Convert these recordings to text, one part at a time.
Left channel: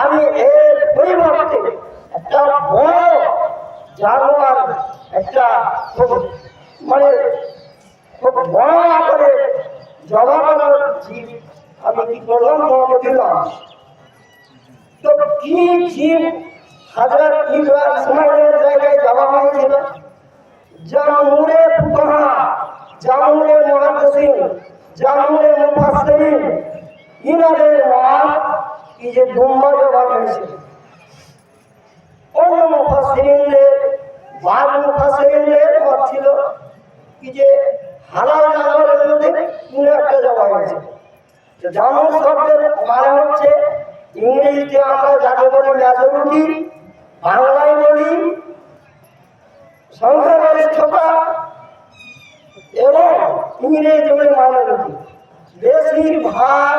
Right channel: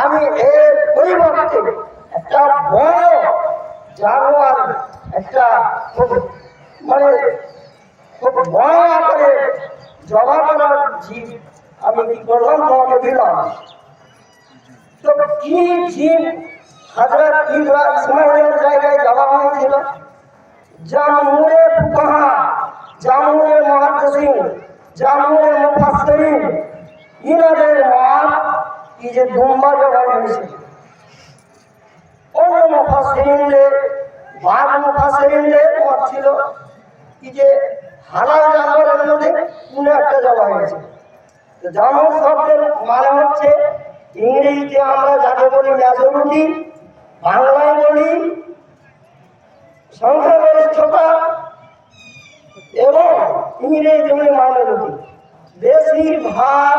আমি এর পরিবর্তে একটা বড় জানোয়ার, একটা মানে খুব বড় আকারে জবাবার জীব আমি তো কি জীব ইসমাইলের জায়গায় জবাব ছিল জামুরে ফুকাহা, জামুরে মুহাদ্দিসিন, জামুরে ইনাদের মত কি যে অন্য মত ছিল কি যে হালাল জানোয়ারের মধ্যে কোনো একটা হয়েছে জানোয়ার শব্দের মানে হচ্ছে ইংরেজিতে আমরা যাকে বলি মেজরিটি, বাংলায় বলি সংখ্যাগরিষ্ঠতা এবং ইংরেজি মাইনরিটি বেশিরভাগ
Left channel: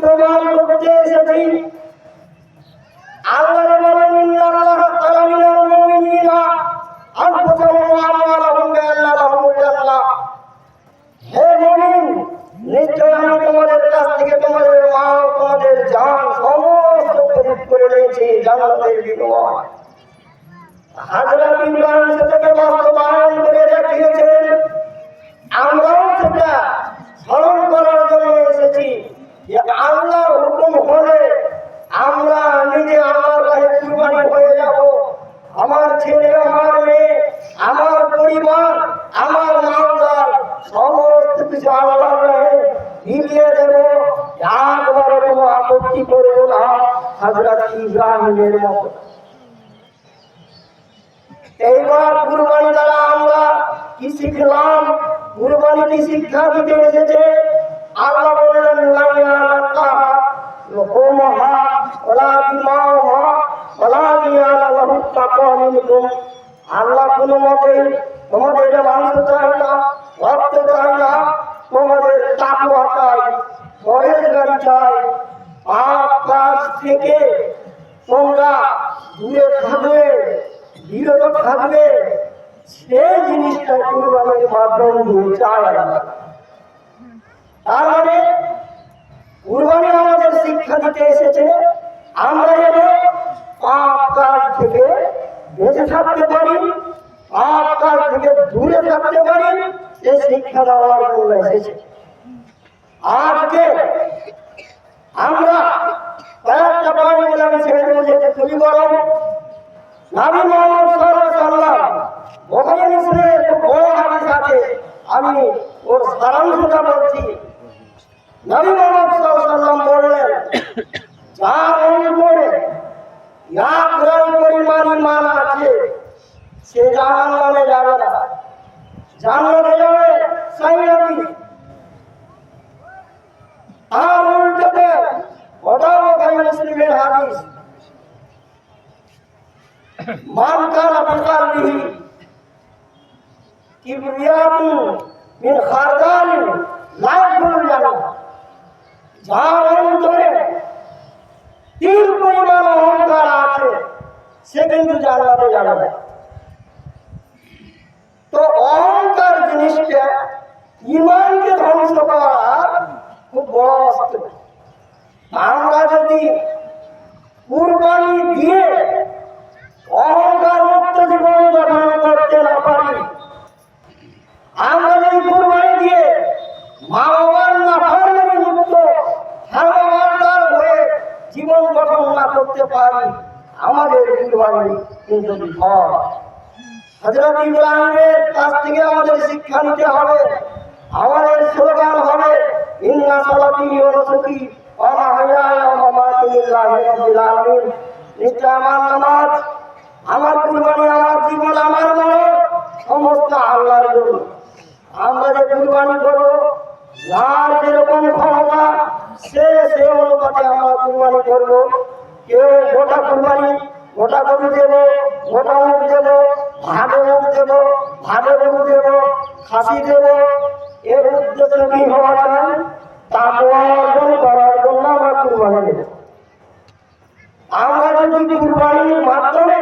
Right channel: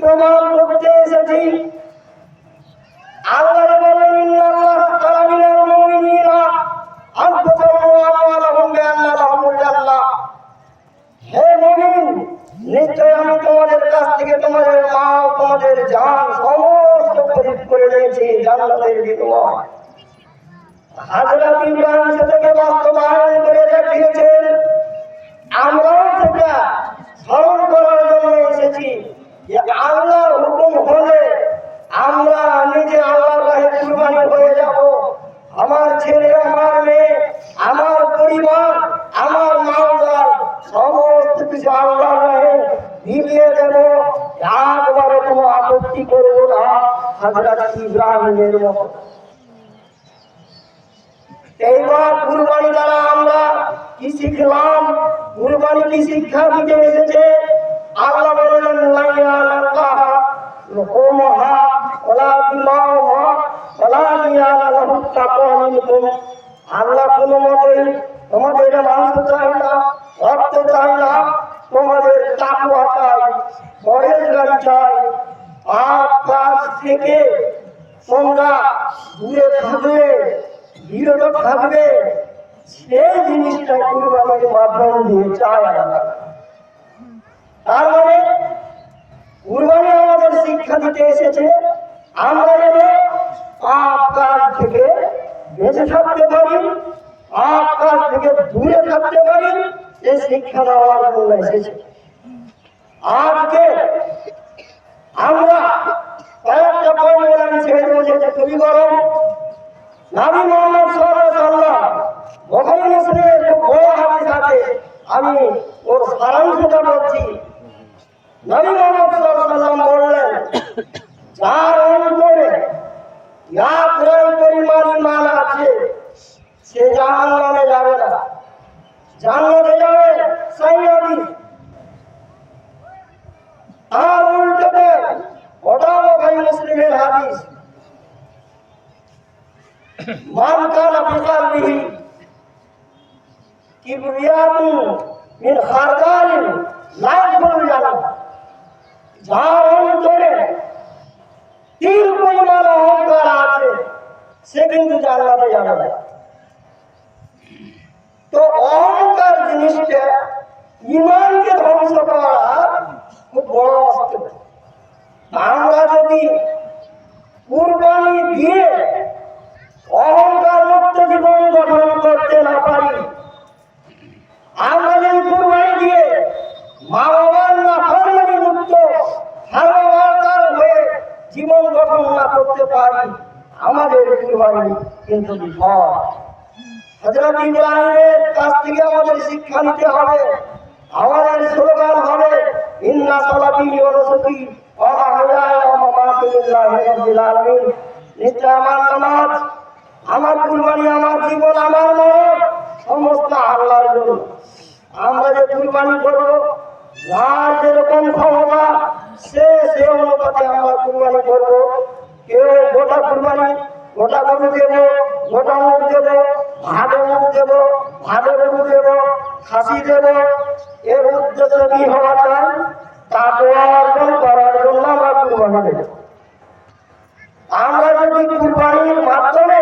প্রমাণ করতে এসেছি। আল্লাহ বলেন ইন্নাল্লাহ তাআলা মিনাল মুমিনিনা। আনফুসাহুম ওয়া আমওয়ালাহুম বিআন্না লাহুমুল হে মুমিন নিশ্চয় আমি তোমাদের কাছ থেকে তোমাদের মা তোমাদের জান সমস্ত খরিদ করে নিয়েছি, জান্নাতের বিনিময়। হাজরত ইব্রাহিম সেটাকে বাস্তবায়ন করে দেখিয়েছেন আমরাও সেটা স্মরণ করার জন্য এসেছি যে আল্লাহর হুকুম হলে আমরা নিজে আল্লাহর রাহে কুরবানি হয়ে যাব, আমার ছেলে, আমার মেয়ে, আমার পরিবার, আমার সমস্ত কিছু মিলিয়ে দেব। একবারে কোনো আপত্তি করব না ইব্রাহিমের এইবার কুরবানি দ্বারা আমরা কি শিখলাম? কুরবানি কি শিক্ষা দিতে এসেছে? আল্লাহ আল্লাহ কোনো থেকে তোমরা দূরে থাকবে বিরত থাকবে সেই জিনিসটা কুরবানির মাধ্যম দিয়ে চায় না তার মানে কুরবানি আমাদের শিক্ষা দিতে এসেছে আমরা যেন পাপ কাজ থেকে বেঁচে থাকতে পারি কাজ থেকে দূরে থাকতে পারি সে শিক্ষা দেওয়ার জন্য এসেছে। আজকে আমরা কয়েকটা বলে আমি ছেড়ে দেবো, যেটা বুখারী মুসলিমের যে বড় আমি ওর সারাংশটা বলছি নবী মোহাম্মদ সাল্লাল্লাহু বললেন, যার অন্তরে এক রং পরিমাণ ইমান আছে সে জাহান্নামে যাবে না জান্নাতে যাবে সাইয়াদি আর উল্টোতে ওটাও বুখারী মুসলিমের হাদিস মান কানা ফি কলবিহি কিবরিয়াতুন মিন খারদালিন লা ইয়াদখুলুল জান্নাহ যার অন্তরে তিল পরিমাণ অহংকার আছে, সে কিন্তু যাবে না। তো অহংকার জিনিসটা ইমানকে ধ্বংস করা খুব বড় যদি কুরবানি দিয়ে অহংকার মুক্ত জীবন গঠন করতে না পারি আমরা যদি কুরবানি দিয়ে মা বাবার না ফরমানি মুক্ত হারবাবার হয়ে জীবন গঠন না আমাদের কিন্তু কাছ থেকে আমাদের শিক্ষা নিতে হবে। আমাদের স্লোগান হবে, ইন্না নিশ্চয় আমার নামাজ, আমার কুরবানি, আমার জীবন, আমার মরণ, সমস্ত আল্লাহ কুরবানি করব, যার যেরকম ক্ষমতা, সে সে অনুপাতে আমরা কুরবানি করব। গোটা গরু দেব গোটা মুখ দেব ভাগে মুখ দেব ভাগে গরু দেব খাসি দেব এর উদ্দেশ্য কি হওয়া চাই তারপর অর্জন করার জন্য আমরা কুরবানি আমরা যদি কুরবানির মাধ্যমে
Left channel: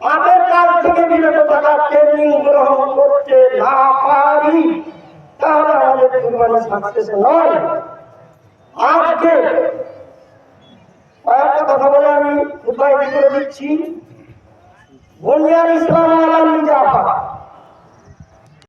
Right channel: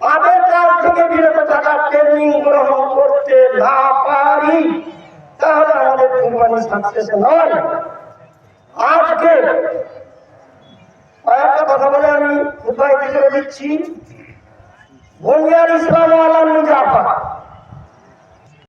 পাপের কাজ থেকে বিরত থাকার ট্রেনিং গ্রহণ করতে আমাদের আজকে কয়েকটা কথা বলে আমি উপায় করে দিচ্ছি বুনিয়ার ইসলাম আলম জাফা